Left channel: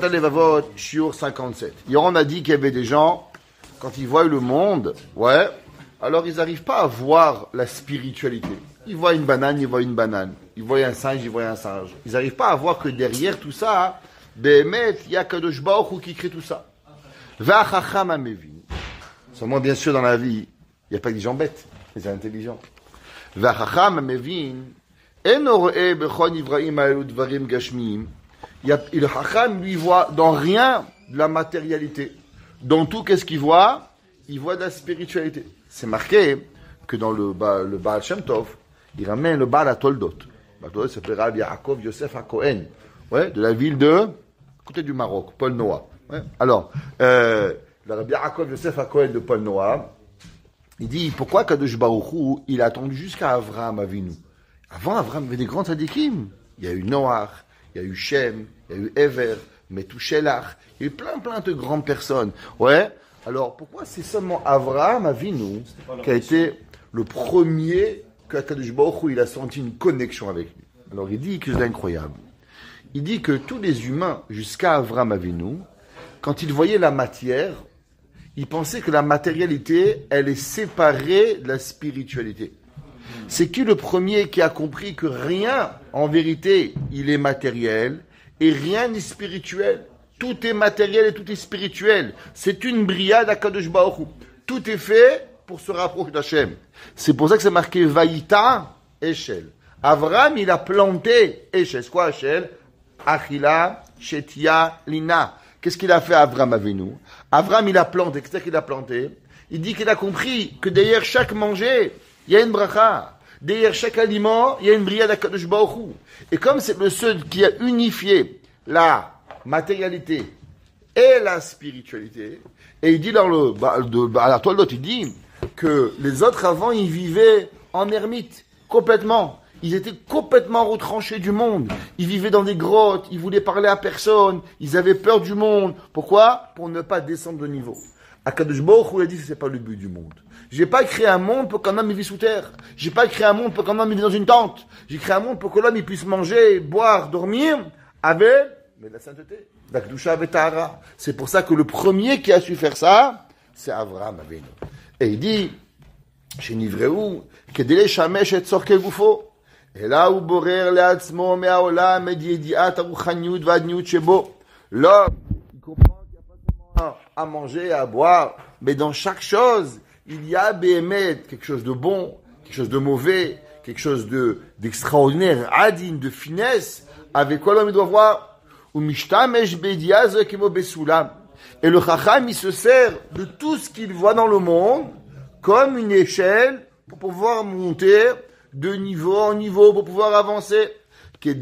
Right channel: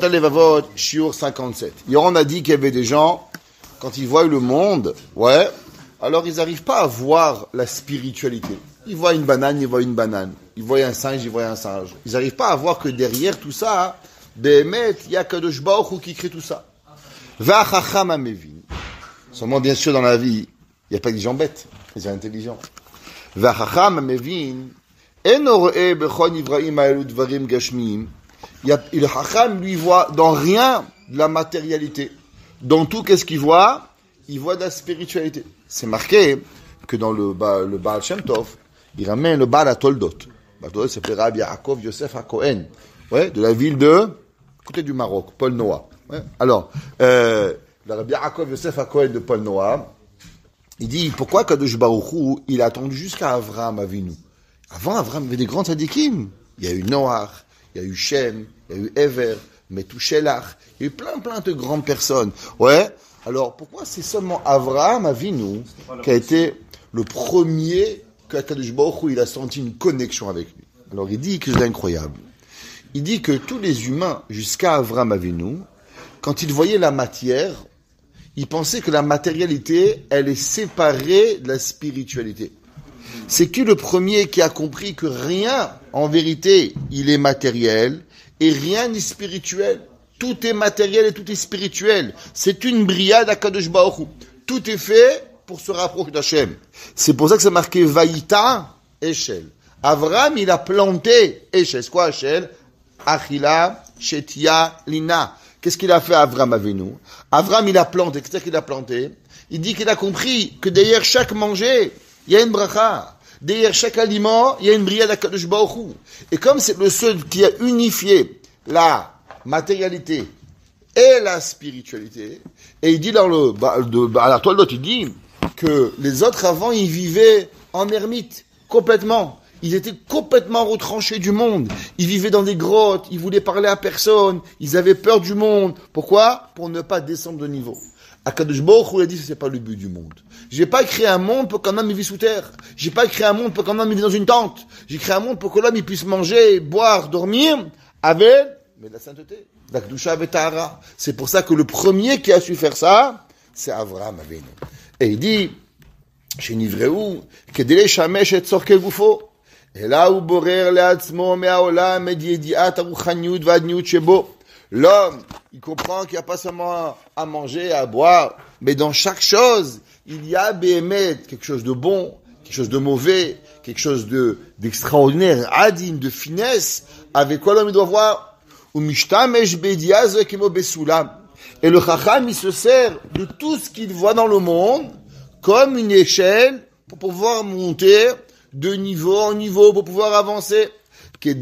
Levavot, Shiur 57. Hier, on a dit qu'il y avait des gens, quand ils voient le monde, ouais, alors ils n'arrivent pas à voir la spiritualité. Ils voient une banane, ils voient une banane. Ils voient un singe, ils voient un singe. Ils n'arrivent pas à voir que derrière tout ça, Behemet, il y a Kadosh Baruch Hu qui crée tout ça. Va'achacham amevin. Seulement, bien sûr, dans la vie, il n'y a pas que des gens bêtes, des gens intelligents. Va'achacham amevin, eno ro'eh bechon ivraim ha'elu dvarim gashmiyim. Le Chacham, lui, voit dans rien de la matérialité. Dans tout, qu'est-ce qu'il voit? Il voit de la spiritualité. C'est marqué que dans le Baal Shem Tov, il ramène le Baal à Toldot. Le Toldot s'appelle Rabbi Yaakov Yosef HaKohen, ouais, de la ville de, côté du Maroc, Paul Noah. Ouais. Alors, le Rabbi Yaakov Yosef HaKohen de Paul Noah, il dit, pourquoi Kadosh Baruch Hu, il a attendu jusqu'à Avraham Avinu? Avant, Avraham avait des grands tzadikim. Il y a eu Noach, il y a eu Shem, il y a eu Ever, Metouchelach, il y a eu plein de grandes personnes. Ouais. Alors, pourquoi c'est seulement Avraham Avinu qui a été le premier qu'Akadosh Baruch Hu, il a senti une connexion avec lui? Alors, il dit quelque chose d'incroyable. Il dit que tous les humains, jusqu'à Avraham Avinu, quand ils voyaient la matière, ils pensaient que la matérialité, elle est séparée de la spiritualité. C'est qui le premier qui a compris que rien, en vérité, il est matériel et rien n'est spirituel. Tout est matériel et tout est spirituel. C'est une bria d'Akadosh Baruch Hu. Tout est fait pour se rapprocher d'Hachem. C'est pour ça que c'est marqué Vaïta Eshel. Avraham, il a planté Eshel. C'est quoi Eshel? Achila, Shetia, Lina. Qu'est-ce qu'il a fait Avraham Avinu? Avraham, il a planté. Qu'est-ce qu'il a planté? Il dit qu'il a compris que derrière chaque manger, il y a une bracha. Derrière chaque aliment, il y a une bria d'Akadosh Baruch Hu. Et comme c'est le seul qui a unifié la matérialité et la spiritualité, et il dit dans à la toile d'autre, il dit que les autres avant, ils vivaient en ermite, complètement. Ils étaient complètement retranchés du monde. Ils vivaient dans des grottes, ils voulaient parler à personne, ils avaient peur du monde. Pourquoi? Pour ne pas descendre de niveau. Akadosh Baruch Hu a dit que c'est pas le but du monde. J'ai pas créé un monde pour qu'un homme il vit sous terre. J'ai pas créé un monde pour qu'un homme il vit dans une tente. J'ai créé un monde pour que l'homme il puisse manger, boire, dormir avec mais la sainteté, la kedusha et tahara. C'est pour ça que le premier qui a su faire ça, c'est Avraham Avinu. Et il dit, chez Nivreu, kedele shamesh et tzorke gufo, et là où borer le'atzmo me'aolam et yediat aruchaniut va'adniut shebo. L'homme, il comprend qu'il n'y a pas seulement à manger, à boire, mais dans chaque chose, il y a Behemet, quelque chose de bon, quelque chose de mauvais, quelque chose d'extraordinaire, adine, de finesse, avec quoi l'homme doit voir. Et le Chacham, il se sert de tout ce qu'il voit dans le monde comme une échelle pour pouvoir monter de niveau en niveau, pour pouvoir avancer. Et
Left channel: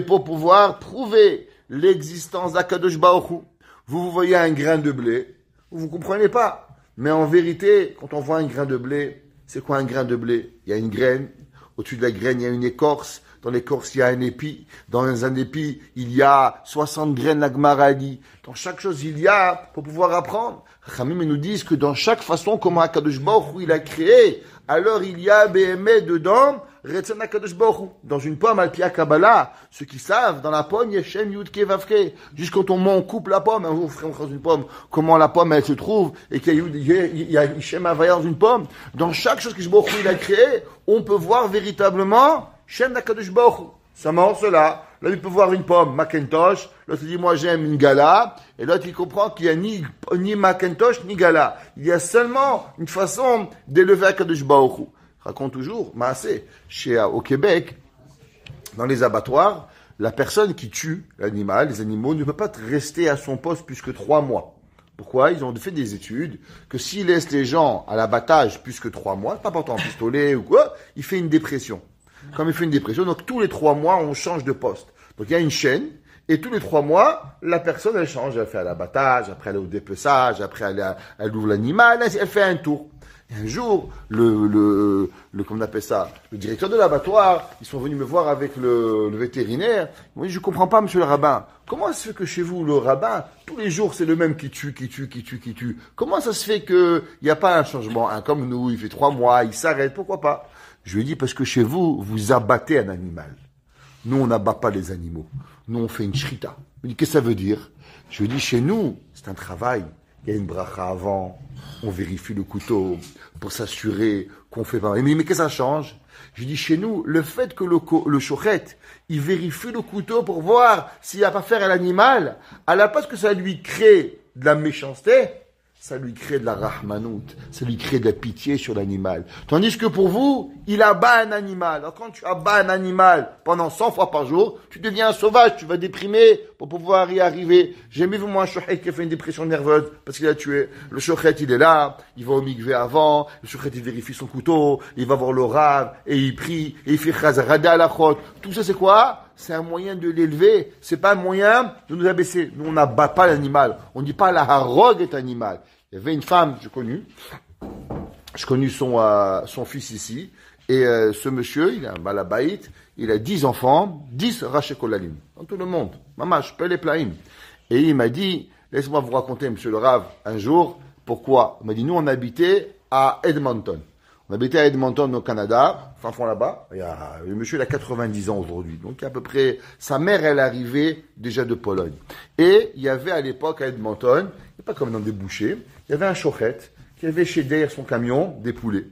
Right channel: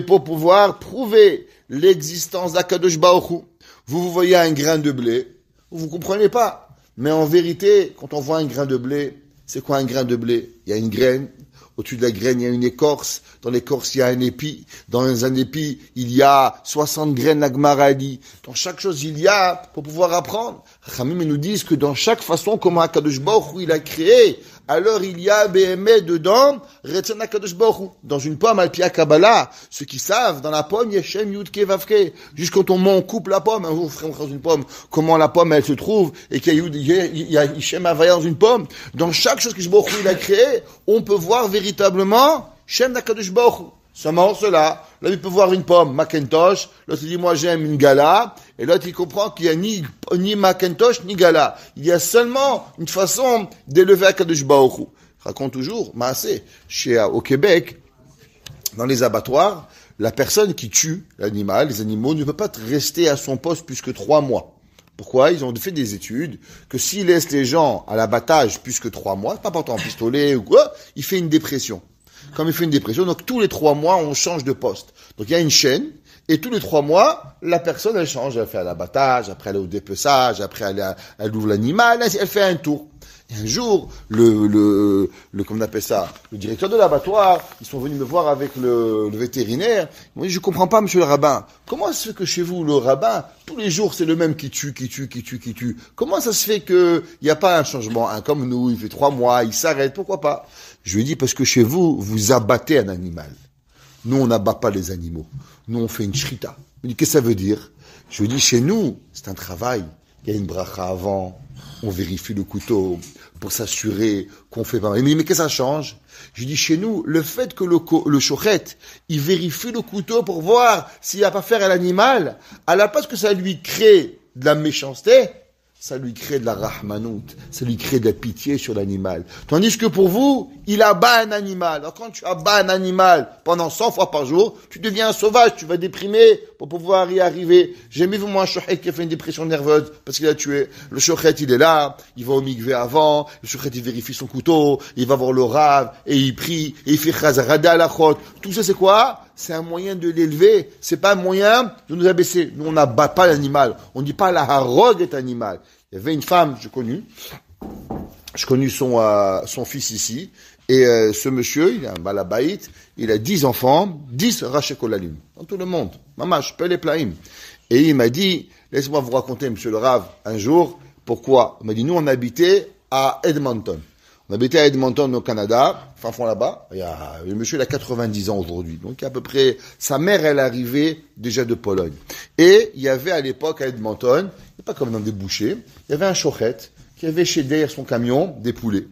pour pouvoir prouver l'existence d'Akadosh Baruch Hu. Vous voyez un grain de blé, vous ne comprenez pas. Mais en vérité, quand on voit un grain de blé, c'est quoi un grain de blé? Il y a une graine, au-dessus de la graine, il y a une écorce, dans l'écorce, il y a un épi, dans un épi, il y a 60 graines, la Gemara a dit. Dans chaque chose, il y a, pour pouvoir apprendre. Khamim nous disent que dans chaque façon, comment Akadosh Baruch Hu il a créé, alors il y a Behemet dedans, Retsen Akadosh Baruch Hu. Dans une pomme, Al-Pia Kabbalah, ceux qui savent, dans la pomme, il y a Shem Yudke Vavke. Juste quand on coupe la pomme, un jour, on dans une pomme, comment la pomme, elle se trouve, et qu'il y a Shem Havaya dans une pomme. Dans chaque chose que Baruch Hu il a créé, on peut voir véritablement Shem Akadosh Baruch Hu. Seulement cela, là il peut voir une pomme, Macintosh, l'autre il dit moi j'aime une gala, et l'autre il comprend qu'il n'y a ni Macintosh ni gala. Il y a seulement une façon d'élever Akadosh Baruch Hu. Raconte toujours, Maasé, au Québec, dans les abattoirs, la personne qui tue l'animal, les animaux, ne peut pas rester à son poste plus que 3 mois. Pourquoi? Ils ont fait des études que s'ils laissent les gens à l'abattage plus que 3 mois, pas portant un pistolet ou quoi, il fait une dépression. Comme il fait une dépression, donc tous les 3 mois, on change de poste. Donc il y a une chaîne, et tous les 3 mois, la personne, elle change. Elle fait à l'abattage, après elle est au dépeçage, après elle ouvre l'animal, elle fait un tour. Et un jour, comment on appelle ça, le directeur de l'abattoir, ils sont venus me voir avec le vétérinaire. Ils m'ont dit, je comprends pas, monsieur le rabbin. Comment ça se fait que chez vous, le rabbin, tous les jours, c'est le même qui tue? Comment ça se fait qu'il n'y a pas un changement? Un comme nous, il fait 3 mois, il s'arrête, pourquoi pas? Je lui ai dit, parce que chez vous, vous abattez un animal. Nous, on n'abat pas les animaux. Nous, on fait une shrita. Il me dit, qu'est-ce que ça veut dire? Je lui ai dit, chez nous, c'est un travail. Il y a une bracha avant. On vérifie le couteau pour s'assurer qu'on fait pas. Il me dit, mais qu'est-ce que ça change? Je lui dis, chez nous, le fait que le shochet, il vérifie le couteau pour voir s'il n'y a pas faire à l'animal, à la place que ça lui crée de la méchanceté, ça lui crée de la rahmanout, ça lui crée de la pitié sur l'animal. Tandis que pour vous, il abat un animal. Alors quand tu abats un animal pendant 100 fois par jour, tu deviens un sauvage, tu vas déprimer pour pouvoir y arriver. J'ai jamais vu moi un shochet qui a fait une dépression nerveuse parce qu'il a tué. Le shochet, il est là, il va au mikvé avant, le shochet, il vérifie son couteau, il va voir le rav, et il prie, et il fait chazarada à la chot. Tout ça, c'est quoi? C'est un moyen de l'élever. C'est pas un moyen de nous abaisser. Nous, on n'abat pas l'animal. On ne dit pas la harogue est animal. Il y avait une femme, j'ai connu son fils ici, et ce monsieur, il a un balabaït, il a 10 enfants, 10 rachekolalim, dans tout le monde. Maman, je peux les plaïm. Et il m'a dit, laisse-moi vous raconter, monsieur le Rav, un jour, pourquoi? Il m'a dit, nous, on habitait à Edmonton. On habitait à Edmonton, au Canada, fin fond là-bas. Le monsieur, il a 90 ans aujourd'hui. Donc, à peu près, sa mère, elle arrivait déjà de Pologne. Et il y avait à l'époque, à Edmonton, pas comme dans des bouchers, il y avait un shochet qui avait chez derrière son camion des poulets.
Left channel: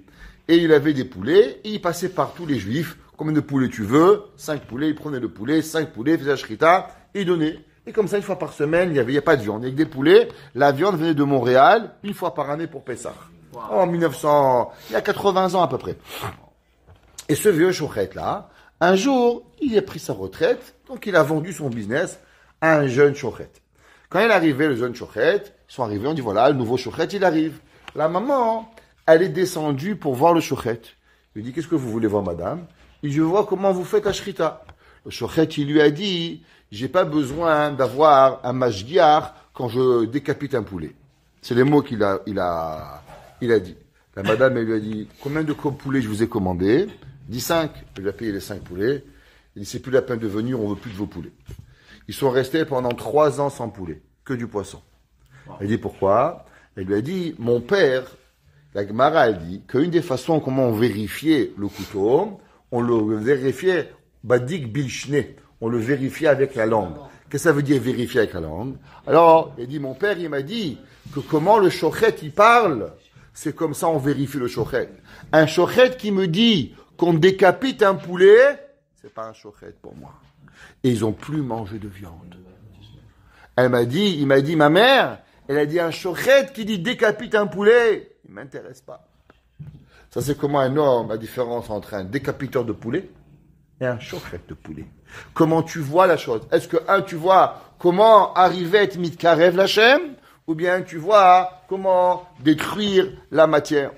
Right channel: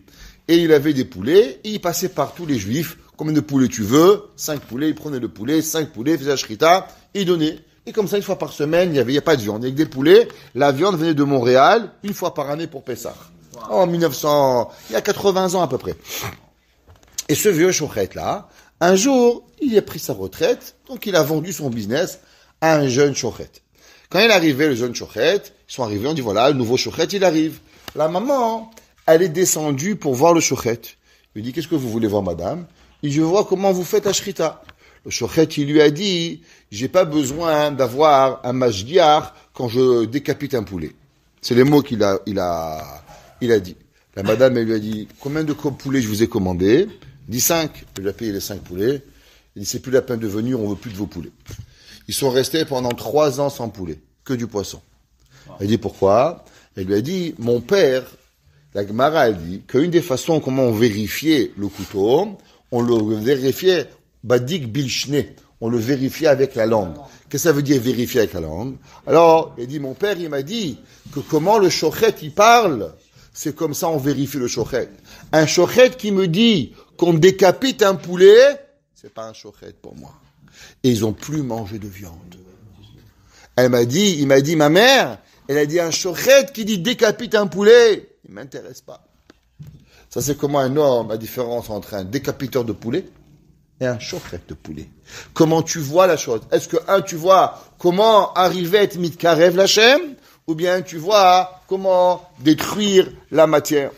Et il avait des poulets, et il passait par tous les juifs. Combien de poulets tu veux? 5 poulets, il prenait le poulet, 5 poulets, il faisait la shrita, et il donnait. Et comme ça, une fois par semaine, il n'y a pas de viande. Avec des poulets, la viande venait de Montréal, une fois par année pour Pessah. En 1900, il y a 80 ans à peu près. Et ce vieux shochet-là, un jour, il a pris sa retraite, donc il a vendu son business à un jeune shochet. Quand il est arrivé, le jeune shochet, ils sont arrivés, on dit voilà, le nouveau shochet, il arrive. La maman, elle est descendue pour voir le shochet. Il lui dit, qu'est-ce que vous voulez voir, madame? Il dit, je vois comment vous faites la shrita. Le shochet, il lui a dit, j'ai pas besoin d'avoir un mashgiach quand je décapite un poulet. C'est les mots qu'il a dit. La madame, elle lui a dit, combien de poulets je vous ai commandé? Il dit 5. Il lui a payé les 5 poulets. Il dit, c'est plus la peine de venir, on veut plus de vos poulets. Ils sont restés pendant 3 ans sans poulet, que du poisson. Elle dit pourquoi? Elle lui a dit, mon père, la Gemara a dit qu'une des façons comment on vérifiait le couteau, on le vérifiait, badik bilchne, on le vérifiait avec la langue. Qu'est-ce que ça veut dire vérifier avec la langue? Alors, il dit, mon père, il m'a dit que comment le shochet, il parle, c'est comme ça on vérifie le shochet. Un shochet qui me dit qu'on décapite un poulet, c'est pas un shochet pour moi. Et ils n'ont plus mangé de viande. Il m'a dit, ma mère, elle a dit un shochet qui dit décapite un poulet. Il ne m'intéresse pas. Ça, c'est comment un homme, la différence entre un décapiteur de poulet et un shochet de poulet. Comment tu vois la chose? Est-ce que, tu vois comment arriver à être mitkarev l'Hachem, ou bien tu vois comment détruire la matière?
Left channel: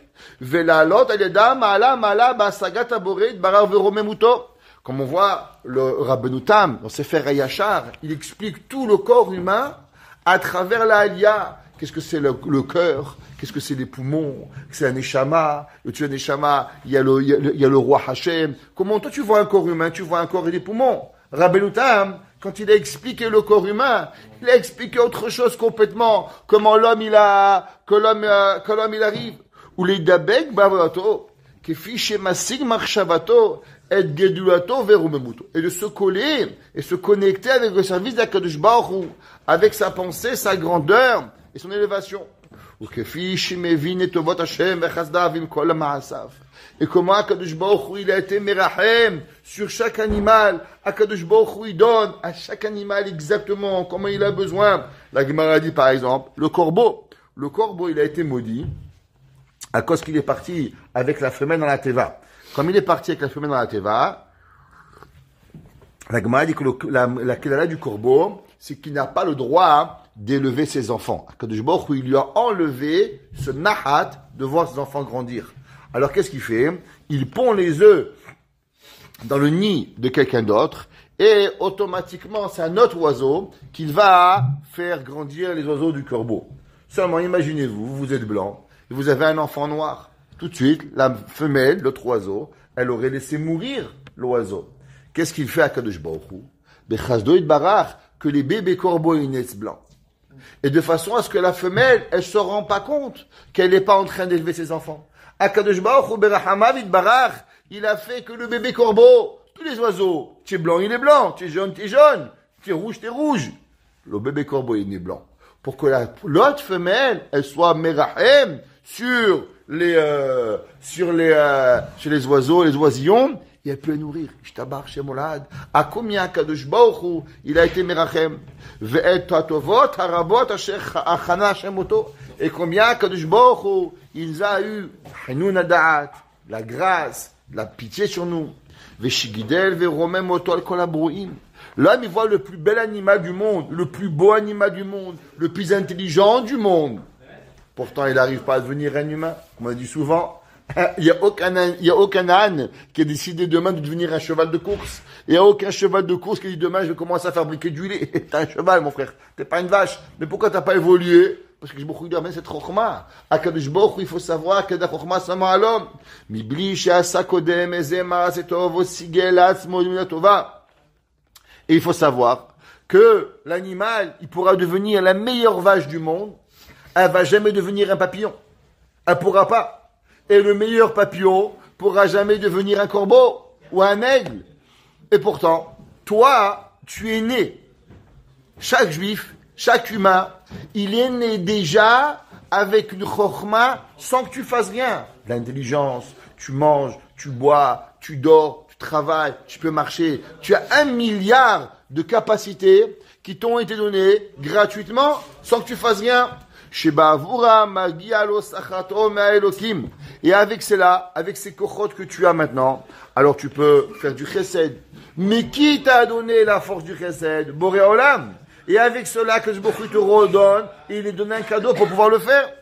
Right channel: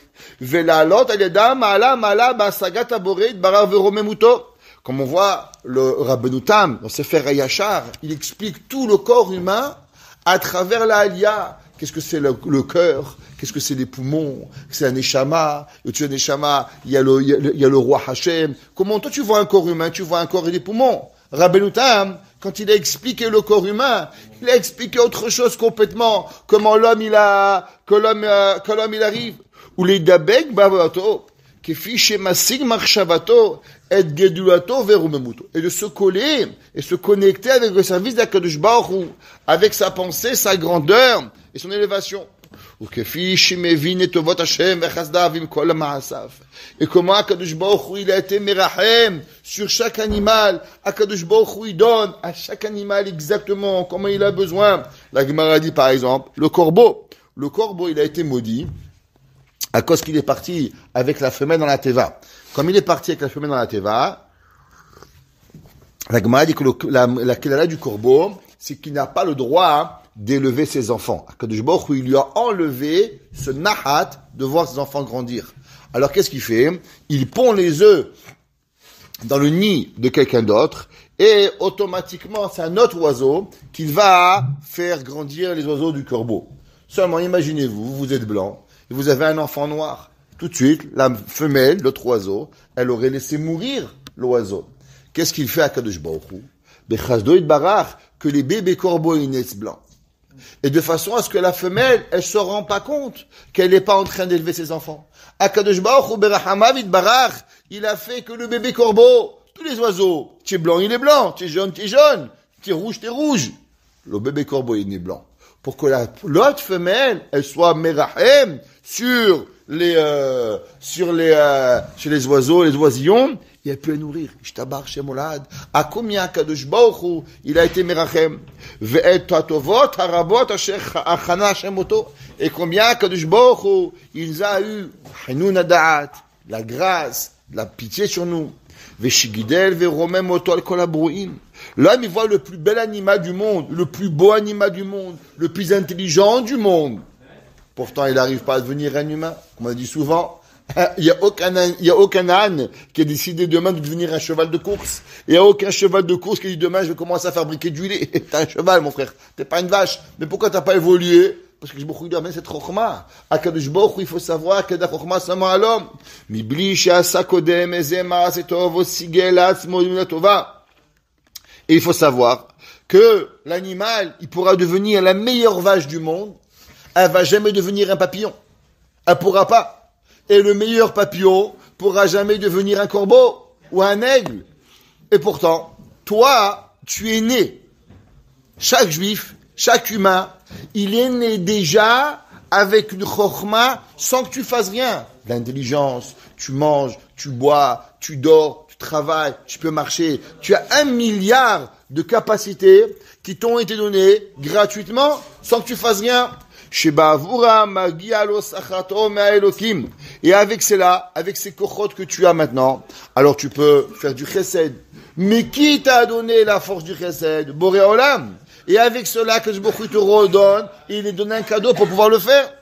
Comme on voit, le Rabbeinu Tam, dans Sefer HaYashar, il explique tout le corps humain à travers la Aliyah. Qu'est-ce que c'est le cœur? Qu'est-ce que c'est les poumons? C'est un Neshama. Et tu as un Neshama, il y a le roi Hashem. Comment toi tu vois un corps humain? Tu vois un corps et des poumons. Rabbeinu Tam, quand il a expliqué le corps humain, il a expliqué autre chose complètement. Comment l'homme il arrive. Ou les dabek bavato, kefi shemasig marshavato. Et de se coller et se connecter avec le service d'Akadosh Baruch Hu, avec sa pensée, sa grandeur et son élévation. Et comment Akadosh Baruch Hu, il a été merahem sur chaque animal. Akadosh Baruch Hu, il donne à chaque animal exactement comment il a besoin. La Gemara dit par exemple, le corbeau, il a été maudit à cause qu'il est parti avec la femelle dans la teva. Comme il est parti avec la femelle dans la teva, la Gemara dit que la kédala du corbeau, c'est qu'il n'a pas le droit d'élever ses enfants. Akadosh Baruch Hu, il lui a enlevé ce nahat de voir ses enfants grandir. Alors qu'est-ce qu'il fait? Il pond les œufs dans le nid de quelqu'un d'autre et automatiquement c'est un autre oiseau qui va faire grandir les oiseaux du corbeau. Seulement imaginez-vous, vous êtes blanc et vous avez un enfant noir. Tout de suite, la femelle, l'autre oiseau, elle aurait laissé mourir l'oiseau. Qu'est-ce qu'il fait à Kadosh Baruch Hu? Bechazdo Itbarach, que les bébés corbeaux naissent blancs. Et de façon à ce que la femelle, elle se rend pas compte qu'elle n'est pas en train d'élever ses enfants. À Kadosh Baruch Hu, Berachamav Itbarach, il a fait que le bébé corbeau, tous les oiseaux, tu es blanc, il est blanc, tu es jaune, tu es rouge, le bébé corbeau, il est blanc. Pour que l'autre femelle, elle soit merahem sur les oiseaux, les oisillons, et elle peut les nourrir. Ishtabar Shemolad. À combien Kadosh Baruch Hu, il a été merachem? Ve'et tatovot harabot asher achana Shemoto. Et combien Kadosh Baruch Hu, il a eu Hanun Adaat, la grâce, la pitié sur nous. Ve'shigidel ve'romem oto al kol habruim. L'homme, il voit le plus bel animal du monde, le plus beau animal du monde, le plus intelligent du monde. Pourtant, il n'arrive pas à devenir un humain. Comme on dit souvent, il n'y a aucun âne qui a décidé demain de devenir un cheval de course. Il n'y a aucun cheval de course qui dit demain, je vais commencer à fabriquer du lait. T'es un cheval, mon frère. T'es pas une vache. Mais pourquoi t'as pas évolué? Parce que je me dis, c'est Chokhmah. À Kadosh Baruch Hu, il faut savoir que la Chokhmah seulement à l'homme. Mibli she'asa kodem ezema setov osigel atzmo tova. Et il faut savoir que l'animal, il pourra devenir la meilleure vache du monde. Elle va jamais devenir un papillon. Elle pourra pas. Et le meilleur papillon pourra jamais devenir un corbeau ou un aigle. Et pourtant, toi, tu es né. Chaque juif, chaque humain, il est né déjà avec une chokhmah sans que tu fasses rien. L'intelligence, tu manges, tu bois, tu dors, tu travailles, tu peux marcher. Tu as 1 milliard de capacités qui t'ont été données gratuitement sans que tu fasses rien. Et avec cela, avec ces kochot que tu as maintenant, alors tu peux faire du chesed. Mais qui t'a donné la force du chesed? Boré Olam. Et avec cela, que je te redonne, il est donné un cadeau pour pouvoir le faire.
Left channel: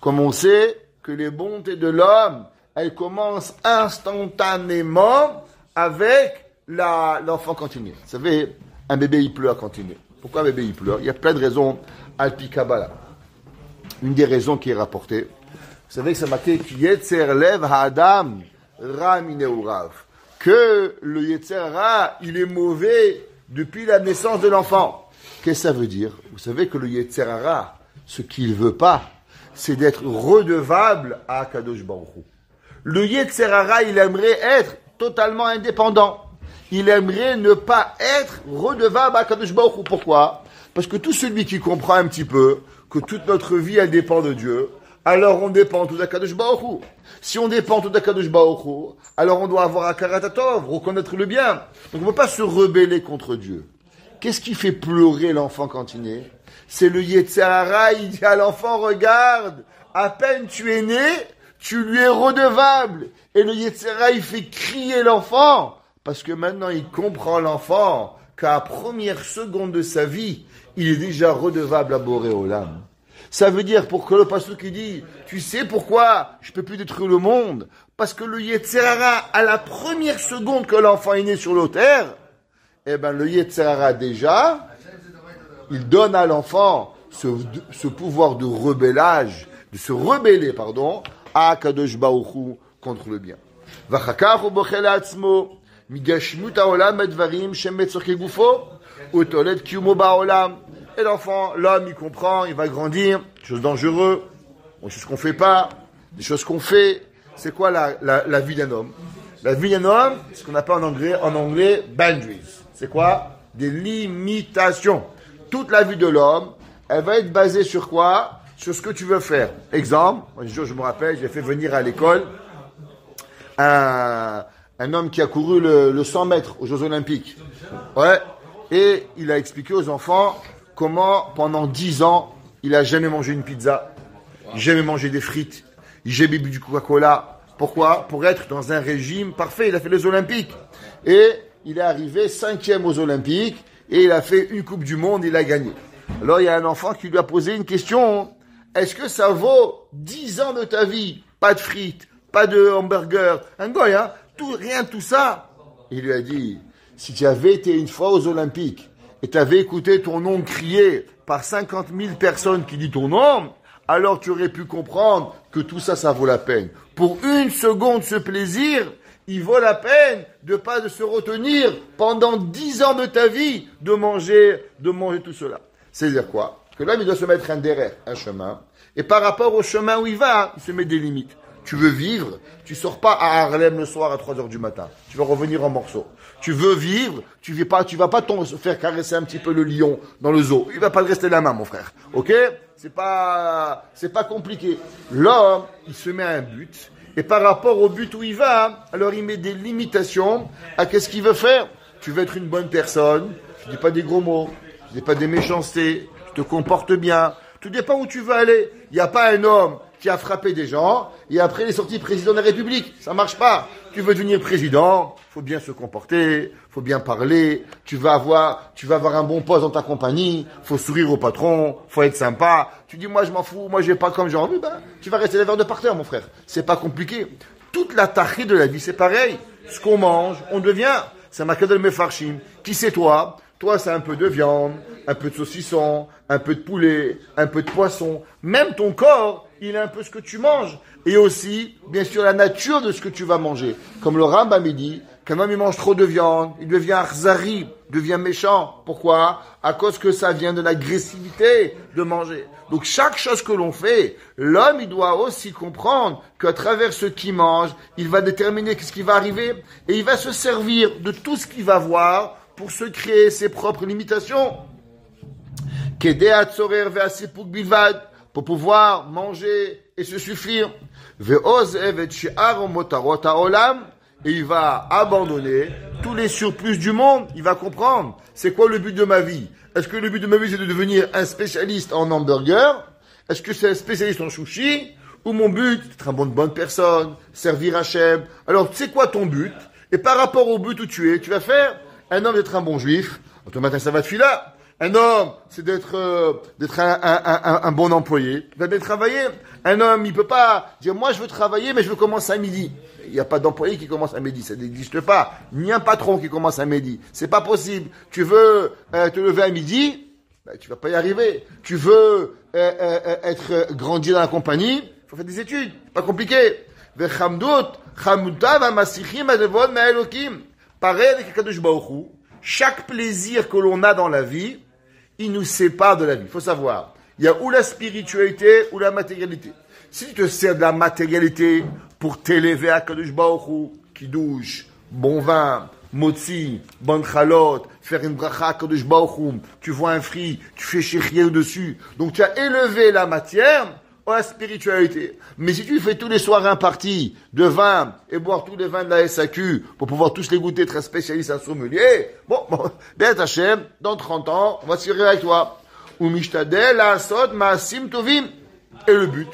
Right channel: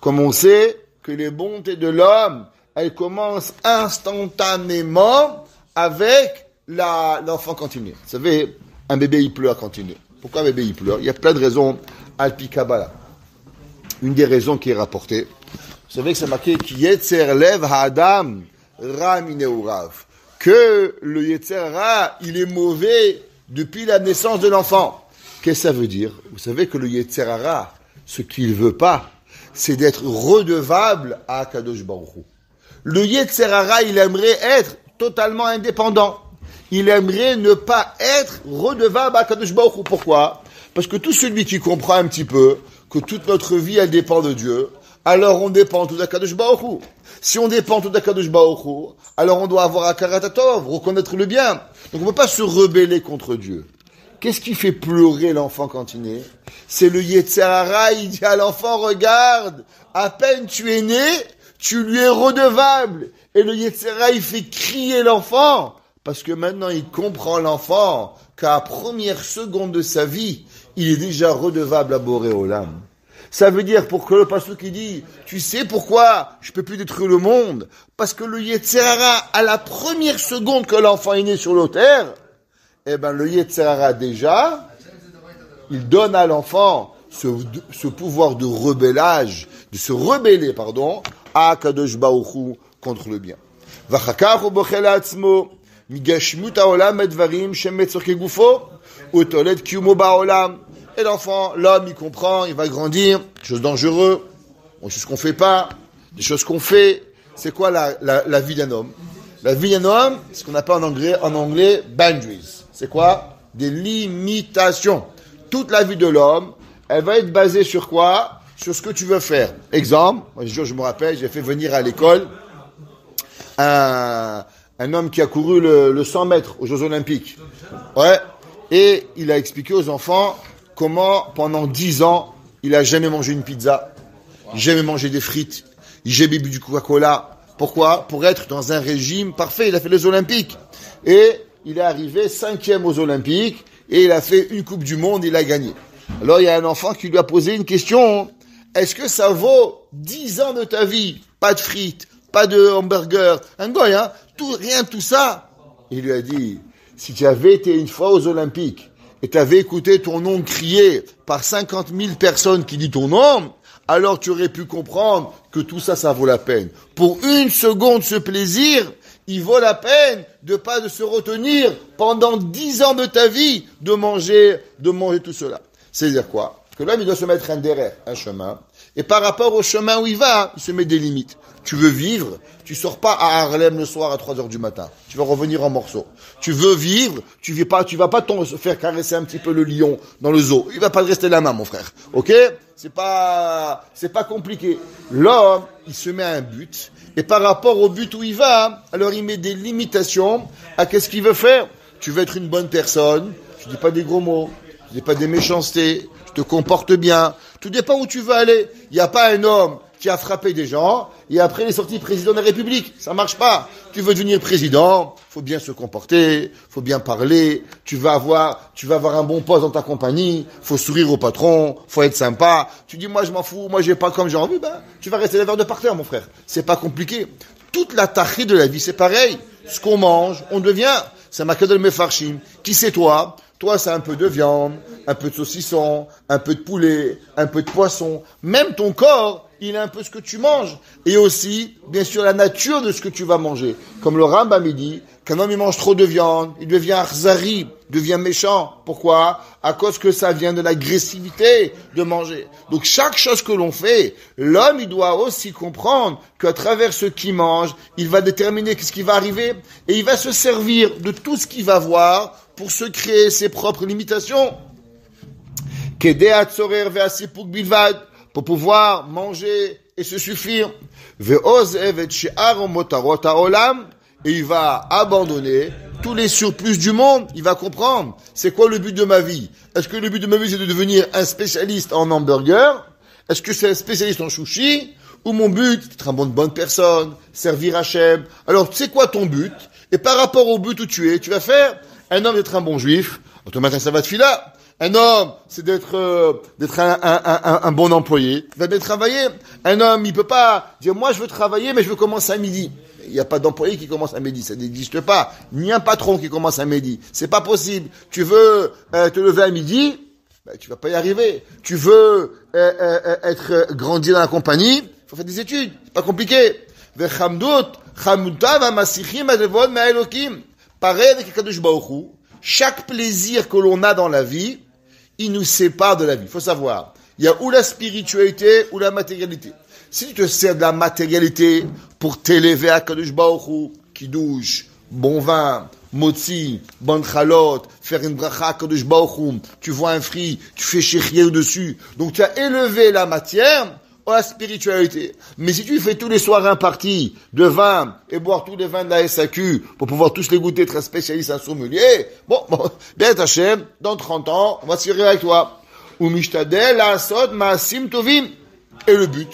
Comme on sait que les bontés de l'homme, elles commencent instantanément avec l'enfant continué. Vous savez, un bébé, il pleure quand il naît. Pourquoi un bébé, il pleure? Il y a plein de raisons. Alpi Kabbalah. Une des raisons qui est rapportée. Vous savez que c'est marqué qui Yetzer Lev Ha'adam Ra Mineurav. Que le Yetzer Ra, il est mauvais depuis la naissance de l'enfant. Qu'est-ce que ça veut dire? Vous savez que le Yetzer Ra, ce qu'il veut pas, c'est d'être redevable à Kadosh Baruch Hu. Le Yetzer Ra, il aimerait être totalement indépendant. Il aimerait ne pas être redevable à Kadosh Baruch Hu. Pourquoi? Parce que tout celui qui comprend un petit peu que toute notre vie, elle dépend de Dieu, alors on dépend tout d'Akadosh Baruch Hu. Si on dépend tout d'Akadosh Baruch Hu, alors on doit avoir Akarat Hatov, reconnaître le bien. Donc on ne peut pas se rebeller contre Dieu. Qu'est-ce qui fait pleurer l'enfant quand il naît? C'est le Yetzer Hara, il dit à l'enfant, regarde, à peine tu es né, tu lui es redevable. Et le Yetzer Hara, il fait crier l'enfant, parce que maintenant il comprend l'enfant qu'à la première seconde de sa vie, il est déjà redevable à Boré Olam. Ça veut dire, pour que le pasteur qui dit, tu sais pourquoi je peux plus détruire le monde? Parce que le Yetzer Hara, à la première seconde que l'enfant est né sur la terre, eh ben, le Yetzer Hara déjà, il donne à l'enfant ce pouvoir de rebellage, de se rebeller, à Kadosh Baruch Hu contre le bien. Vachakach hu bochel atzmo, migashmut haolam edvarim shemetzorke gufo, utolet kiyumo ba'olam. Et l'enfant, l'homme, il comprend, il va grandir, des choses dangereuses, des choses qu'on fait pas, des choses qu'on fait. C'est quoi la vie d'un homme? La vie d'un homme, c'est ce qu'on appelle en anglais boundaries. C'est quoi? Des limitations. Toute la vie de l'homme, elle va être basée sur quoi? Sur ce que tu veux faire. Exemple, un jour, je me rappelle, j'ai fait venir à l'école un homme qui a couru le 100 mètres aux Jeux Olympiques. Ouais. Et il a expliqué aux enfants comment, pendant 10 ans, il a jamais mangé une pizza, jamais mangé des frites, jamais bu du Coca-Cola. Pourquoi? Pour être dans un régime parfait. Il a fait les Olympiques. Et il est arrivé 5e aux Olympiques, et il a fait une Coupe du Monde, il a gagné. Alors, il y a un enfant qui lui a posé une question. Est-ce que ça vaut 10 ans de ta vie? Pas de frites, pas de hamburger, un goy, rien de tout ça. Il lui a dit, si tu avais été une fois aux Olympiques, et tu avais écouté ton nom crié par 50 000 personnes qui disent ton nom, alors tu aurais pu comprendre que tout ça, ça vaut la peine. Pour une seconde, ce plaisir, il vaut la peine de se retenir pendant 10 ans de ta vie de manger tout cela. C'est-à-dire quoi? Que l'homme, il doit se mettre un derrière, un chemin, et par rapport au chemin où il va, il se met des limites. Tu veux vivre, tu sors pas à Harlem le soir à 3 heures du matin. Tu vas revenir en morceaux. Tu veux vivre, tu vas pas se faire caresser un petit peu le lion dans le zoo. Il va pas te rester la main, mon frère. Ok? C'est pas compliqué. L'homme, il se met un but, et par rapport au but où il va, alors il met des limitations à qu'est-ce qu'il veut faire. Tu veux être une bonne personne, tu dis pas des gros mots, tu dis pas des méchancetés, tu te comportes bien, tu dis pas où tu veux aller. Il n'y a pas un homme qui a frappé des gens, et après il est sorti président de la République. Ça marche pas. Tu veux devenir président, faut bien se comporter, faut bien parler, tu vas avoir un bon poste dans ta compagnie, faut sourire au patron, faut être sympa. Tu dis, moi je m'en fous, moi j'ai pas comme j'ai envie, tu vas rester les verres de parterre, mon frère. C'est pas compliqué. Toute la tachée de la vie, c'est pareil. Ce qu'on mange, on devient. C'est ma kadel mefarshim. Qui c'est toi? Toi, c'est un peu de viande, un peu de saucisson, un peu de poulet, un peu de poisson. Même ton corps, il a un peu ce que tu manges. Et aussi, bien sûr, la nature de ce que tu vas manger. Comme le Rambam dit, qu'un homme il mange trop de viande, il devient arzari, devient méchant. Pourquoi? À cause que ça vient de l'agressivité de manger. Donc chaque chose que l'on fait, l'homme il doit aussi comprendre qu'à travers ce qu'il mange, il va déterminer ce qui va arriver et il va se servir de tout ce qu'il va voir pour se créer ses propres limitations. Pour pouvoir manger et se suffire. Et il va abandonner tous les surplus du monde. Il va comprendre. C'est quoi le but de ma vie? Est-ce que le but de ma vie c'est de devenir un spécialiste en hamburger? Est-ce que c'est un spécialiste en sushi? Ou mon but, c'est d'être une bonne personne, servir Hachem? Alors, c'est quoi ton but? Et par rapport au but où tu es, tu vas faire un homme d'être un bon juif, automatiquement ça va te filer. Un homme, c'est d'être un bon employé, il va bien travailler. Un homme, il peut pas dire, moi je veux travailler, mais je veux commencer à midi. Il n'y a pas d'employé qui commence à midi, ça n'existe pas. Ni un patron qui commence à midi. C'est pas possible. Tu veux te lever à midi, tu vas pas y arriver. Tu veux grandir dans la compagnie, il faut faire des études. C'est pas compliqué. Pareil avec Kadosh Baruch Hu, chaque plaisir que l'on a dans la vie, il nous sépare de la vie. Il faut savoir, il y a ou la spiritualité ou la matérialité. Si tu te sers de la matérialité pour t'élever à Kadosh Baruch Hu, kiddush, bon vin, motzi, bon chalot, faire une bracha à Kadosh Baruch Hu, tu vois un fruit, tu fais chérir dessus. Donc tu as élevé la matière ou la spiritualité. Mais si tu fais tous les soirs un parti de vin et boire tous les vins de la SAQ pour pouvoir tous les goûter, être un spécialiste, un sommelier, bon, bien Hachem, dans 30 ans, on va se faire avec toi. Ou mishtadel, asod, maasim, tovim. Et le but,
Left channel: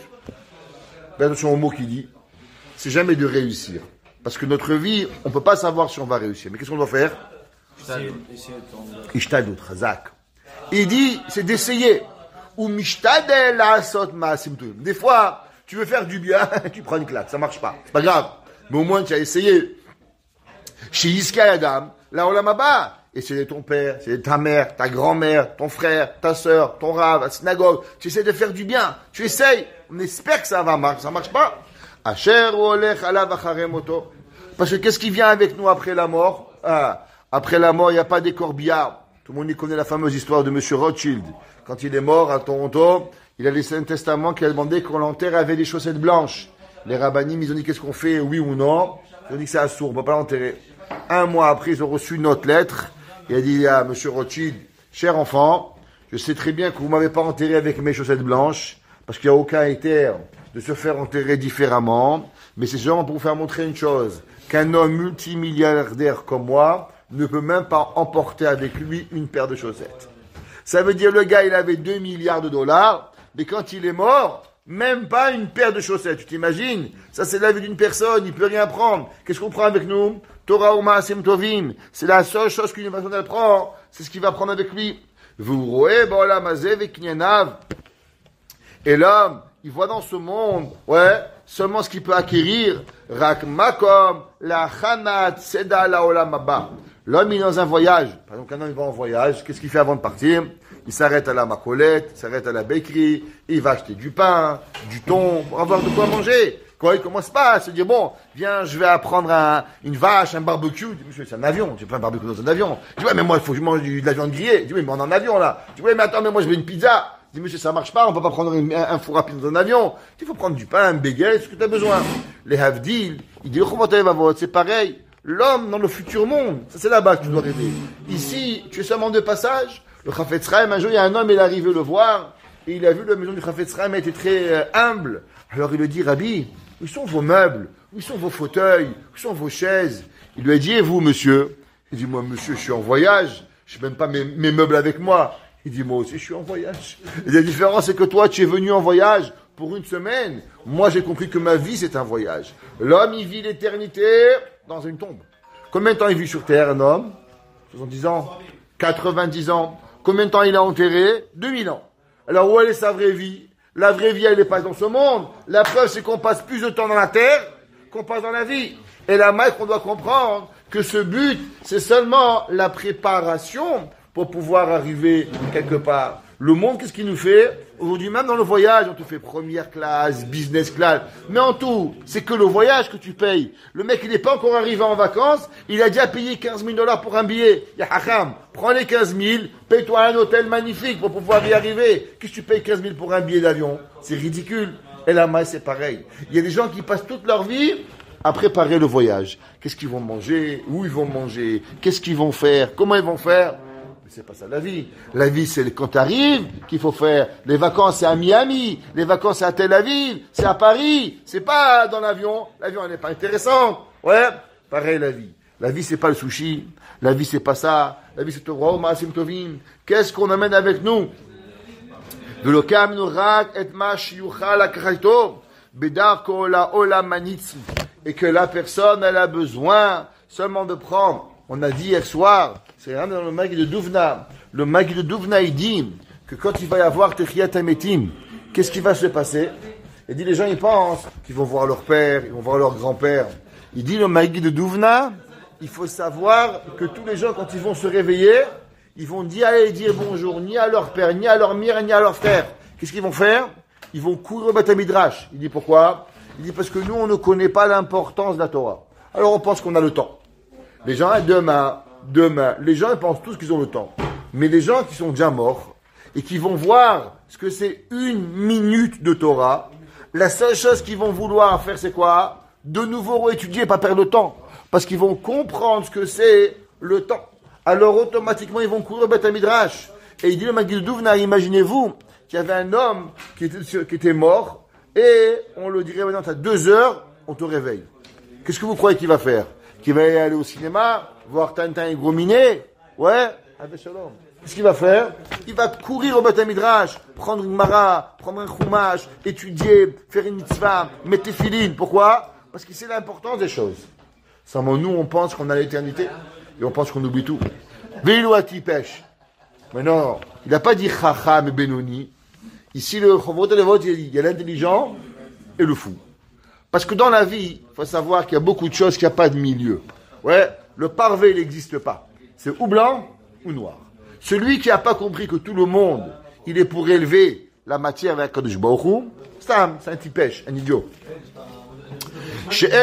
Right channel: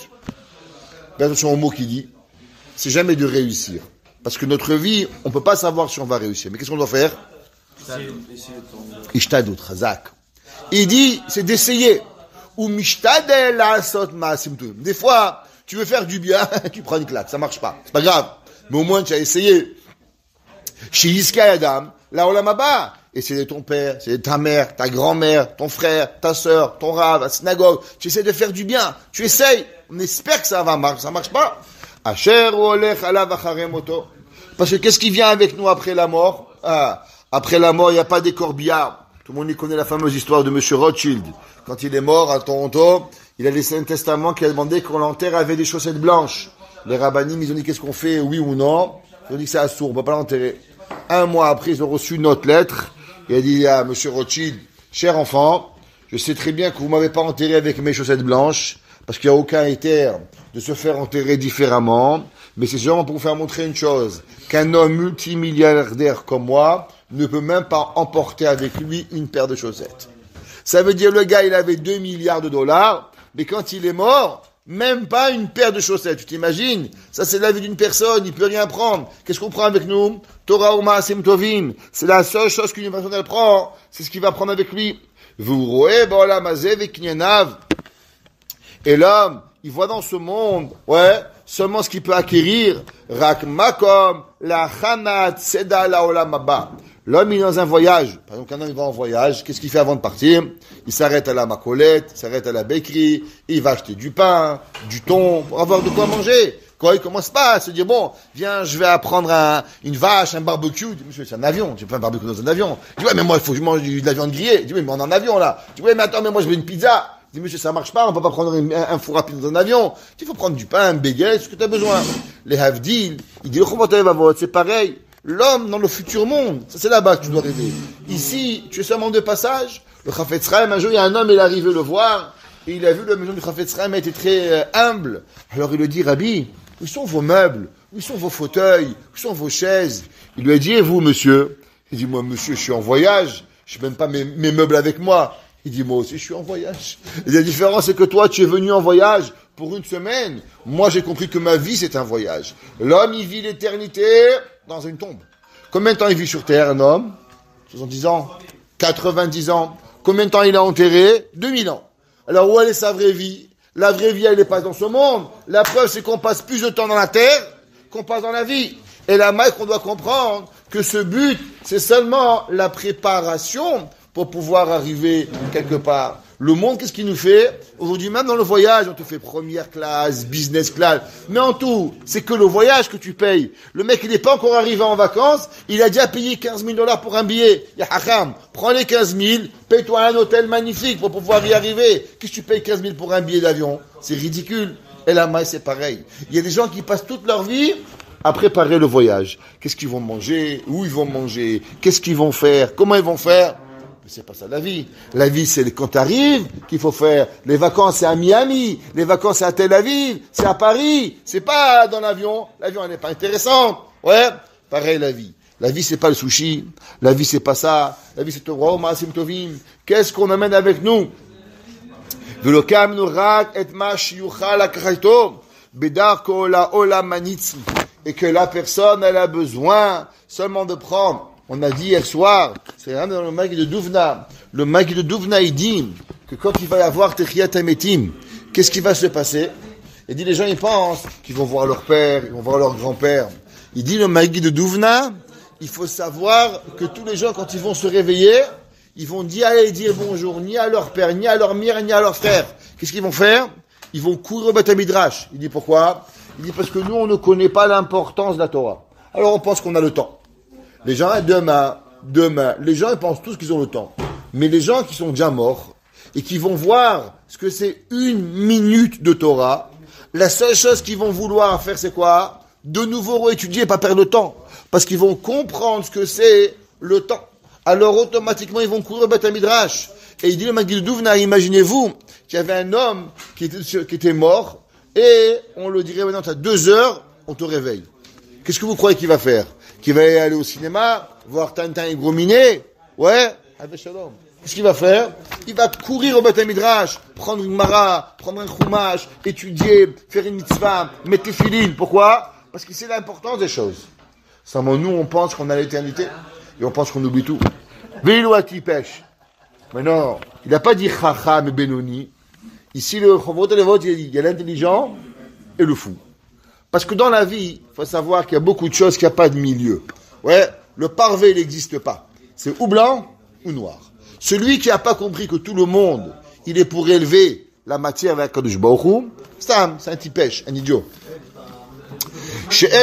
bien attention au mot qu'il dit, c'est jamais de réussir. Parce que notre vie, on peut pas savoir si on va réussir. Mais qu'est-ce qu'on doit faire? Ishtadut, chazak. Il dit, c'est d'essayer. Ou mishtadel asot maasim tovim. Des fois, tu veux faire du bien, tu prends une claque, ça marche pas. C'est pas grave. Mais au moins, tu as essayé. Chez Iska Adam, là, olam haba. Et c'est ton père, c'est ta mère, ta grand-mère, ton frère, ta sœur, ton rave, la synagogue. Tu essaies de faire du bien. Tu essayes. On espère que ça va marcher. Ça marche pas. Asher olech alav acharem moto. Parce que qu'est-ce qui vient avec nous après la mort? Après la mort, il n'y a pas des corbillards. Tout le monde y connaît la fameuse histoire de Monsieur Rothschild. Quand il est mort à Toronto, il a laissé un testament qui a demandé qu'on l'enterre avec des chaussettes blanches. Les rabbinim, ils ont dit qu'est-ce qu'on fait, oui ou non. Ils ont dit que c'est assourd, on ne peut pas l'enterrer. Un mois après, ils ont reçu une autre lettre. Il a dit à Monsieur Rothschild, cher enfant, je sais très bien que vous ne m'avez pas enterré avec mes chaussettes blanches, parce qu'il n'y a aucun intérêt de se faire enterrer différemment, mais c'est seulement pour vous faire montrer une chose, qu'un homme multimilliardaire comme moi ne peut même pas emporter avec lui une paire de chaussettes. Ça veut dire le gars, il avait 2 milliards de dollars, mais quand il est mort, même pas une paire de chaussettes. Tu t'imagines? Ça, c'est la vie d'une personne, il peut rien prendre. Qu'est-ce qu'on prend avec nous? Torah ou Maasim Tovim. C'est la seule chose qu'une personne elle prend. C'est ce qu'il va prendre avec lui. Vous roez, ba'olam hazeh v'kinyanav. Et l'homme, il voit dans ce monde, seulement ce qu'il peut acquérir. Rak makom la chanat seda la olam haba. L'homme, il est dans un voyage. Par exemple, quand un homme va en voyage, qu'est-ce qu'il fait avant de partir? Il s'arrête à la macolette, il s'arrête à la bakery, il va acheter du pain, du thon, pour avoir de quoi manger. Quand il commence pas à se dire, bon, viens, je vais apprendre une vache, un barbecue. Il dit, monsieur, c'est un avion, j'ai pas un barbecue dans un avion. Il dit, ouais, mais moi, il faut que je mange de la viande grillée. Il dit, oui, mais on est en avion, là. Il dit, ouais, mais attends, mais moi, je veux une pizza. Il dit, monsieur, ça marche pas, on peut pas prendre un four rapide dans un avion. Il faut prendre du pain, un bagel, ce que tu as besoin. Les havdil, il dit, c'est pareil. L'homme dans le futur monde, ça c'est là-bas que tu dois rêver. Ici, tu es seulement de passage. Le Chafetz Chaim, un jour, il y a un homme, il est arrivé le voir, et il a vu la maison du Chafetz Chaim, elle était très humble. Alors il lui dit, Rabbi, où sont vos meubles? Où sont vos fauteuils? Où sont vos chaises? Il lui a dit, et vous, monsieur? Il dit, moi, monsieur, je suis en voyage. Je n'ai même pas mes meubles avec moi. Il dit, moi aussi, je suis en voyage. Et la différence, c'est que toi, tu es venu en voyage pour une semaine. Moi, j'ai compris que ma vie, c'est un voyage. L'homme, il vit l'éternité dans une tombe. Combien de temps il vit sur Terre, un homme? 70 ans? 90 ans? Combien de temps il a enterré? 2000 ans. Alors, où elle est sa vraie vie? La vraie vie, elle n'est pas dans ce monde. La preuve, c'est qu'on passe plus de temps dans la terre qu'on passe dans la vie. Et la marque, on doit comprendre que ce but, c'est seulement la préparation pour pouvoir arriver quelque part. Le monde, qu'est-ce qu'il nous fait? Aujourd'hui, même dans le voyage, on te fait première classe, business class. Mais en tout, c'est que le voyage que tu payes. Le mec, il n'est pas encore arrivé en vacances, il a déjà payé 15 000 $ pour un billet. Ya hacham, prends les 15 000, paye-toi un hôtel magnifique pour pouvoir y arriver. Qu'est-ce que tu payes 15 000 pour un billet d'avion? C'est ridicule. Et la maille, c'est pareil. Il y a des gens qui passent toute leur vie à préparer le voyage. Qu'est-ce qu'ils vont manger? Où ils vont manger? Qu'est-ce qu'ils vont faire? Comment ils vont faire? Mais c'est pas ça la vie. La vie, c'est quand tu arrives qu'il faut faire. Les vacances, c'est à Miami. Les vacances, c'est à Tel Aviv. C'est à Paris. C'est pas dans l'avion. L'avion, elle n'est pas intéressante. Ouais. Pareil, la vie. La vie, c'est pas le sushi. La vie, c'est pas ça. La vie, c'est Torah, Maasim Tovim. Qu'est-ce qu'on amène avec nous? Velokam nurak et ma shiyuchal akraito bedarko la olamanitzi. Et que la personne, elle a besoin seulement de prendre. On a dit hier soir, c'est dans le Maggid de Douvna. Le Maggid de Douvna, il dit que quand il va y avoir Techiyat Hametim, qu'est-ce qui va se passer? Il dit, les gens, ils pensent qu'ils vont voir leur père, ils vont voir leur grand-père. Il dit, le Maggid de Douvna, il faut savoir que tous les gens, quand ils vont se réveiller, ils vont aller dire bonjour, ni à leur père, ni à leur mère, ni à leur frère. Qu'est-ce qu'ils vont faire? Ils vont courir au Beth Midrash. Il dit, pourquoi? Il dit, parce que nous, on ne connaît pas l'importance de la Torah. Alors, on pense qu'on a le temps. Les gens, demain, les gens ils pensent tous qu'ils ont le temps. Mais les gens qui sont déjà morts et qui vont voir ce que c'est 1 minute de Torah, la seule chose qu'ils vont vouloir faire, c'est quoi? De nouveau réétudier et pas perdre de temps. Parce qu'ils vont comprendre ce que c'est le temps. Alors automatiquement, ils vont courir au Beth Midrash. Et il dit le Maggid de Douvna, imaginez-vous qu'il y avait un homme qui était mort et on le dirait maintenant, tu as 2 heures, on te réveille. Qu'est-ce que vous croyez qu'il va faire? Qu'il va aller au cinéma, voir Tintin et Gros Minet? Ouais, avec Shalom. Qu'est-ce qu'il va faire? Il va courir au Beth Midrash, prendre une mara, prendre un chumash, étudier, faire une mitzvah, mettre les filines. Pourquoi? Parce qu'il sait l'importance des choses. Seulement nous, on pense qu'on a l'éternité et on pense qu'on oublie tout. Veilouati pêche. Mais non, il n'a pas dit Chacham et Benoni. Ici, le Chovot et le vote, il y a l'intelligent et le fou. Parce que dans la vie, il faut savoir qu'il y a beaucoup de choses, qu'il n'y a pas de milieu. Ouais, le parvé, il n'existe pas. C'est ou blanc ou noir. Celui qui n'a pas compris que tout le monde, il est pour élever la matière avec Kadosh Baruch Hu, c'est un tipèche, un idiot. Il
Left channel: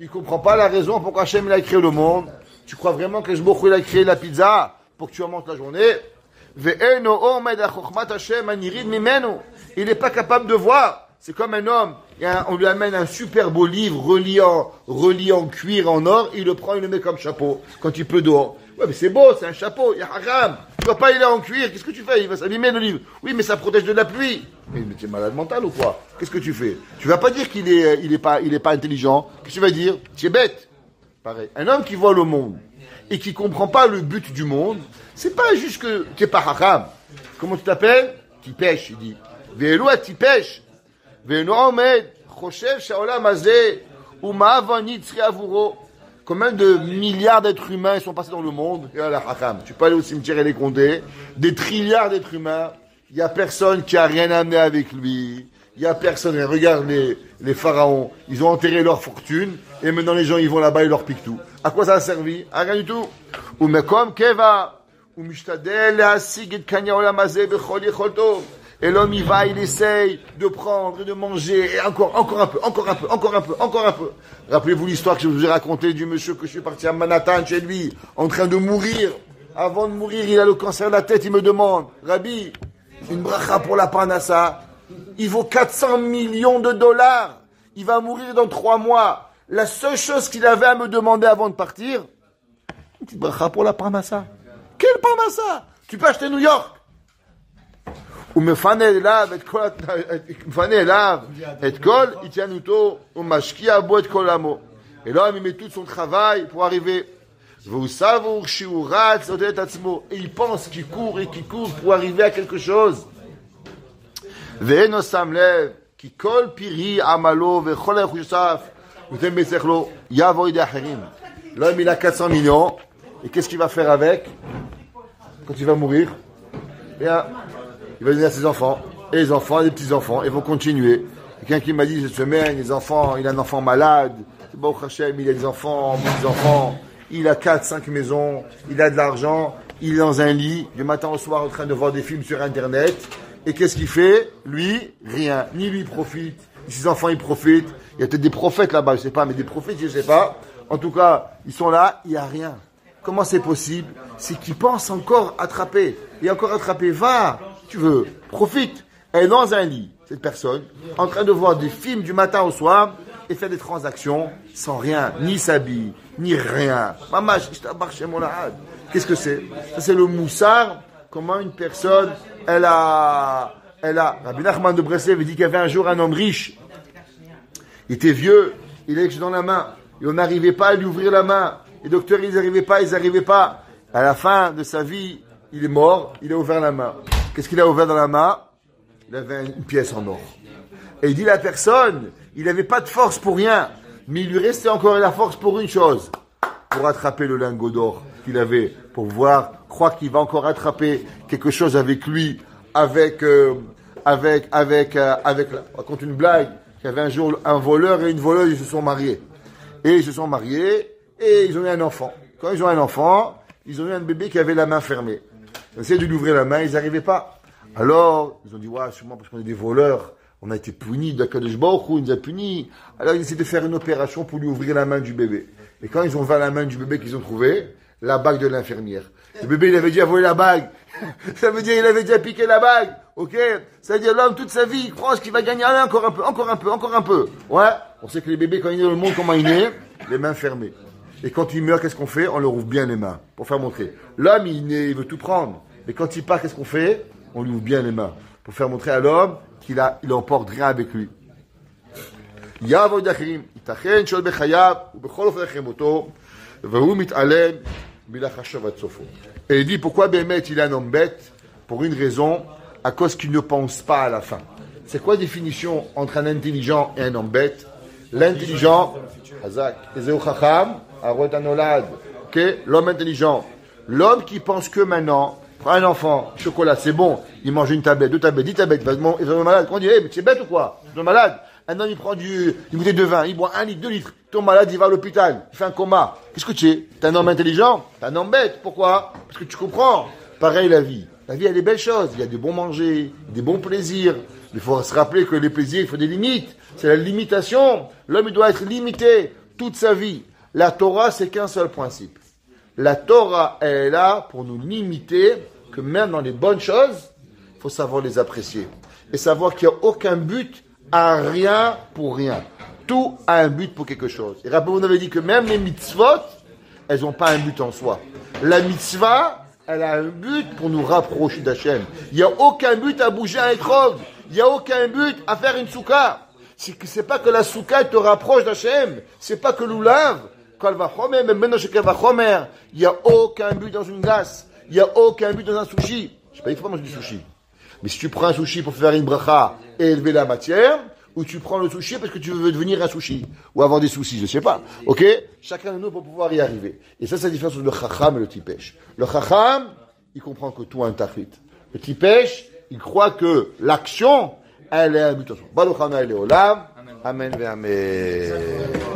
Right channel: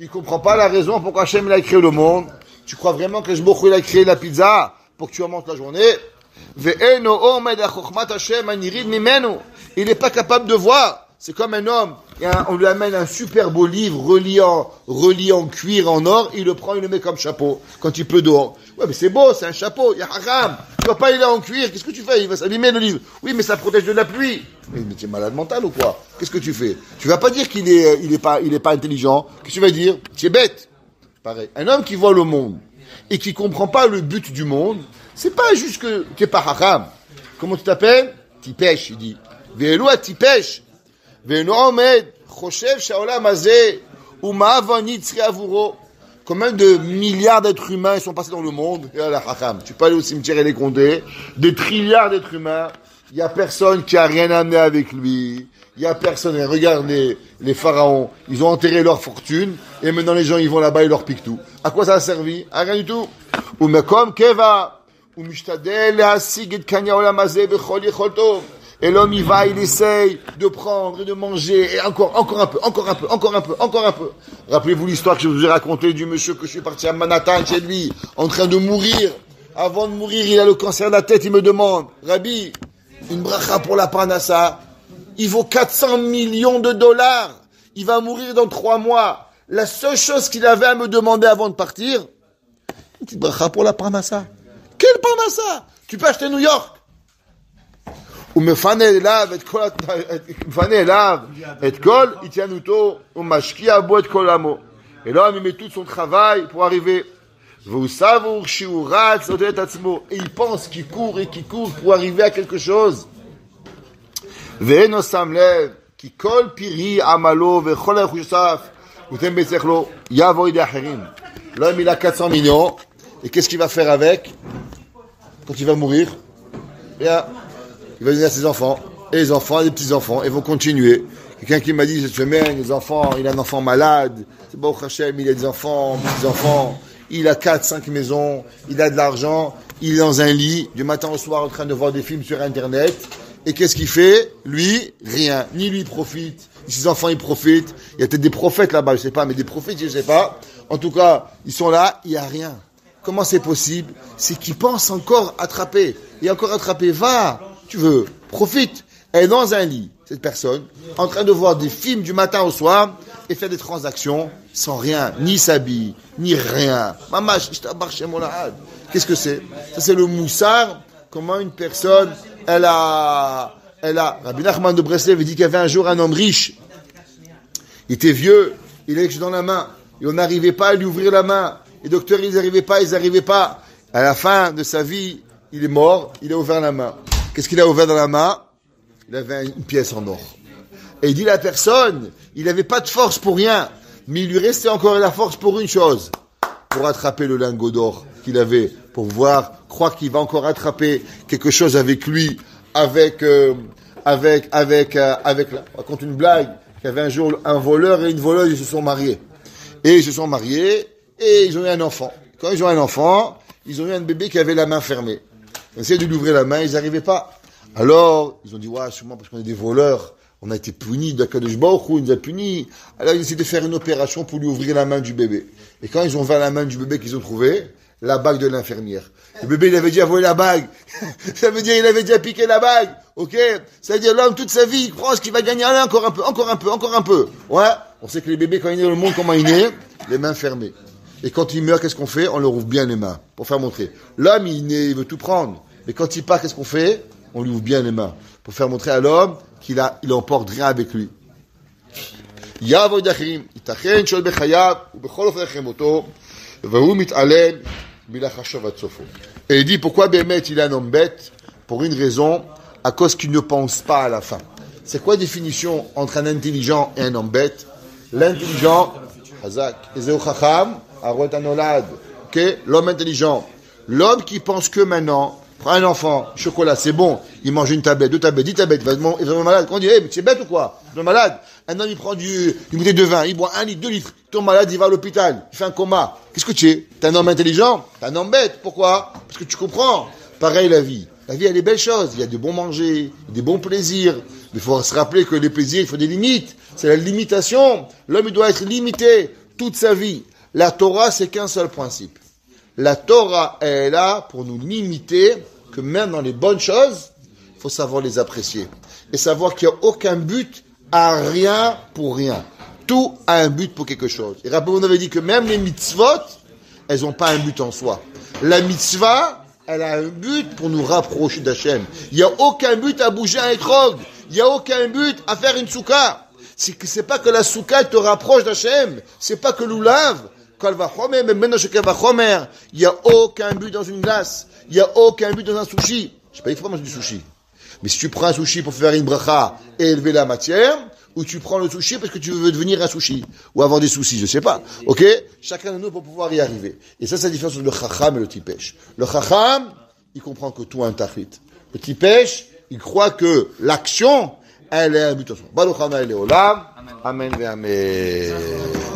ne comprend pas la raison pourquoi Hachem il a créé le monde. Tu crois vraiment que Baruch Hu il a créé la pizza pour que tu en manges la journée? Il n'est pas capable de voir. C'est comme un homme. On lui amène un super beau livre relié en cuir, en or. Il le prend, il le met comme chapeau quand il pleut dehors. Ouais, mais c'est beau, c'est un chapeau. Il y a haram. Tu vois pas, il est en cuir. Qu'est-ce que tu fais? Il va s'abîmer le livre. Oui, mais ça protège de la pluie. Mais tu es malade mental ou quoi? Qu'est-ce que tu fais? Tu vas pas dire qu'il est pas intelligent. Qu'est-ce que tu vas dire? Tu es bête. Pareil. Un homme qui voit le monde et qui comprend pas le but du monde, c'est pas juste que tu n'es pas haram. Comment tu t'appelles? Tipèche, il dit. Ve'elu à tipèche. Ve'enu omed, choshev sha'olam hazeh, u'ma'avani tzri avuro. Combien de milliards d'êtres humains sont passés dans le monde? Et la haram. Tu peux aller au cimetière et les compter. Des trilliards d'êtres humains. Il n'y a personne qui a rien amené avec lui. il n'y a personne. Regarde les pharaons, ils ont enterré leur fortune, et maintenant les gens ils vont là-bas et leur piquent tout. À quoi ça a servi? À rien du tout. Ou mekom keva, ou mishtadel le'asig et kanya olam hazeh bechol yecholto. Et l'homme il va, il essaye de prendre et de manger, et encore un peu. Rappelez-vous l'histoire que je vous ai racontée du monsieur que je suis parti à Manhattan chez lui, en train de mourir. Avant de mourir, il a le cancer de la tête, il me demande, Rabbi, une bracha pour la parnassa, il vaut 400 millions de dollars. Il va mourir dans 3 mois. La seule chose qu'il avait à me demander avant de partir, une petite bracha pour la parnassa. Quelle parnassa? Tu peux acheter New York. Ou me fane elav et kol itianuto ou mashkia bo et kol amo. Et l'homme il met tout son travail pour arriver. Et il pense qu'il court pour arriver à quelque chose. L'homme il a 400 millions. Et qu'est-ce qu'il va faire avec? Quand il va mourir, bien, il va donner à ses enfants. Et les enfants, les petits-enfants, ils vont continuer. Quelqu'un qui m'a dit cette semaine, les enfants, il a un enfant malade. C'est bon, Hachem, il a des enfants, petits-enfants. Il a 4-5 maisons, il a de l'argent, il est dans un lit, du matin au soir en train de voir des films sur Internet. Et qu'est-ce qu'il fait? Lui, rien. Ni lui profite, ni ses enfants ils profitent. Il y a peut-être des prophètes là-bas, je sais pas, mais des prophètes, je sais pas. En tout cas, ils sont là, il n'y a rien. Comment c'est possible? C'est qu'ils pensent encore attraper. Et encore attraper, va, tu veux, profite. Elle est dans un lit, cette personne, en train de voir des films du matin au soir et faire des transactions sans rien, ni s'habiller, ni rien. Maman, je t'abarche chez mon lahad. Qu'est-ce que c'est? Ça, c'est le moussard. Comment une personne, elle a, Rabbi Nachman de Breslev dit qu'il y avait un jour un homme riche. Il était vieux, il avait quelque chose dans la main. Et on n'arrivait pas à lui ouvrir la main. Les docteurs, ils n'arrivaient pas. À la fin de sa vie, il est mort, il a ouvert la main. Qu'est-ce qu'il a ouvert dans la main? Il avait une pièce en or. Et il dit la personne, il n'avait pas de force pour rien, mais il lui restait encore la force pour une chose, pour attraper le lingot d'or qu'il avait, pour croire qu'il va encore attraper quelque chose avec lui, avec je raconte une blague, qu'il y avait un jour un voleur et une voleuse, ils se sont mariés. Et ils ont eu un enfant. Quand ils ont un enfant, ils ont eu un bébé qui avait la main fermée. Ils essayaient de lui ouvrir la main, ils n'arrivaient pas. Alors, ils ont dit, ouais, sûrement parce qu'on est des voleurs, on a été punis, d'Akadosh Baruch Hu, il nous a punis. Alors, ils essaient de faire une opération pour lui ouvrir la main du bébé. Et quand ils ont ouvert la main du bébé qu'ils ont trouvé, la bague de l'infirmière. Le bébé, il avait déjà volé la bague. Ça veut dire, il avait déjà piqué la bague. Ok? Ça veut dire, l'homme, toute sa vie, il pense qu'il va gagner rien, encore un peu. Ouais? On sait que les bébés, quand ils naissent dans le monde, comment ils naissent? Les mains fermées. Et quand il meurt, qu'est-ce qu'on fait? On leur ouvre bien les mains, pour faire montrer. L'homme, il veut tout prendre. Mais quand il part, qu'est-ce qu'on fait? On lui ouvre bien les mains, pour faire montrer à l'homme qu'il emporte rien avec lui. Et il dit, pourquoi Bémet, il est un homme bête? Pour une raison, à cause qu'il ne pense pas à la fin. C'est quoi la définition entre un intelligent et un homme bête? L'intelligent, l'homme intelligent, l'homme qui pense que maintenant, un enfant, chocolat, c'est bon, il mange une tablette, 2 tablettes, 10 tablettes, il va être malade. Quand on dit, mais tu es bête ou quoi? Tu es malade. Un homme, il prend une bouteille de vin, il boit 1 litre, 2 litres, il tombe malade, il va à l'hôpital, il fait un coma. Qu'est-ce que tu es? T'es un homme intelligent? T'es un homme bête. Pourquoi? Parce que tu comprends. Pareil, la vie. La vie, elle est belle chose. Il y a des bons manger, des bons plaisirs. Il faut se rappeler que les plaisirs, il faut des limites. C'est la limitation. L'homme, il doit être limité toute sa vie. La Torah, c'est qu'un seul principe. La Torah, elle est là pour nous limiter que même dans les bonnes choses, il faut savoir les apprécier. Et savoir qu'il n'y a aucun but à rien pour rien. Tout a un but pour quelque chose. Et rappelez-vous, on avait dit que même les mitzvot, elles n'ont pas un but en soi. La mitzvah, elle a un but pour nous rapprocher d'Hachem. Il n'y a aucun but à bouger un étrog. Il n'y a aucun but à faire une souka. C'est pas que la souka te rapproche d'Hachem. C'est pas que l'oulav, kalvachomer, même maintenant chez kalvachomer, il n'y a aucun but dans une glace. Il n'y a aucun but dans un sushi. Je ne sais pas, il faut pas manger du sushi. Mais si tu prends un sushi pour faire une bracha et élever la matière, ou tu prends le sushi parce que tu veux devenir un sushi, ou avoir des soucis, je ne sais pas. Ok? Chacun de nous pour pouvoir y arriver. Et ça, c'est la différence entre le chacham et le tipesh. Le chacham, il comprend que tout a un tafrit. Le tipesh, il croit que l'action, elle est habitation. Baruch Adonai Leolam. Amen ve Amen.